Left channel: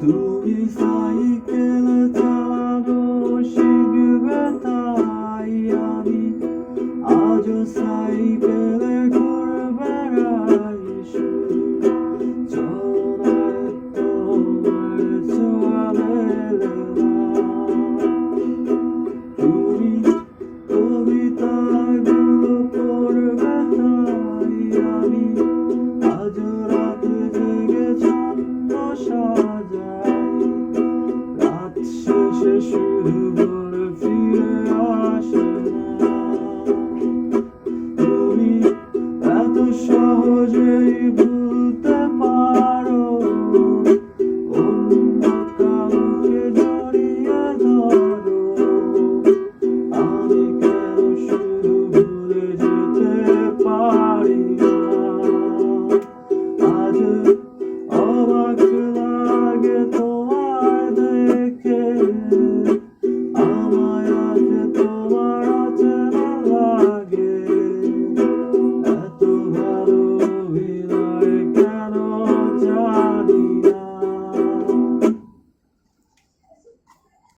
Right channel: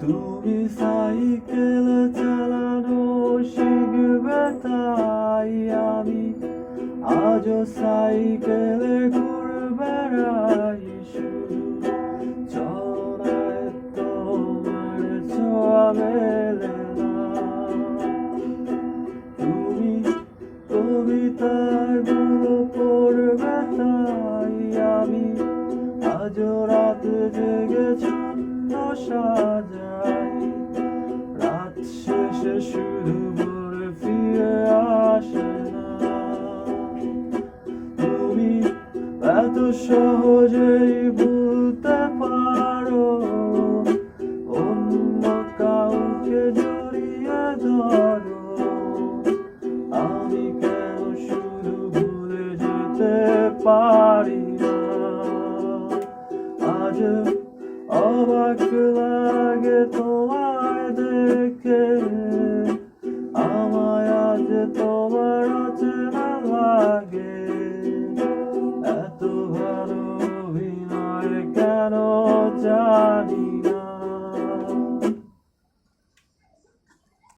তুমি সাইকেল চালানো শিখবে তাই আমি আজও সাইকেলে ঘুরে বেড়াই শুধু চড়ায় তোমার চলে না। তুমি কবিতাগুলো পড়বে তাই আমি আজও রাত জেগে ছন্দ সাজাই। রাত শেষে শুধু ভোর ফিরে আসে না। তুমি এত সহজেই ভুলতে পারো অন্য কাউকে জড়িয়ে ধরো। আমি কেন শুধু ভুলে যেতে পারি না? আজ অবাক লাগে তোমায় দেখে।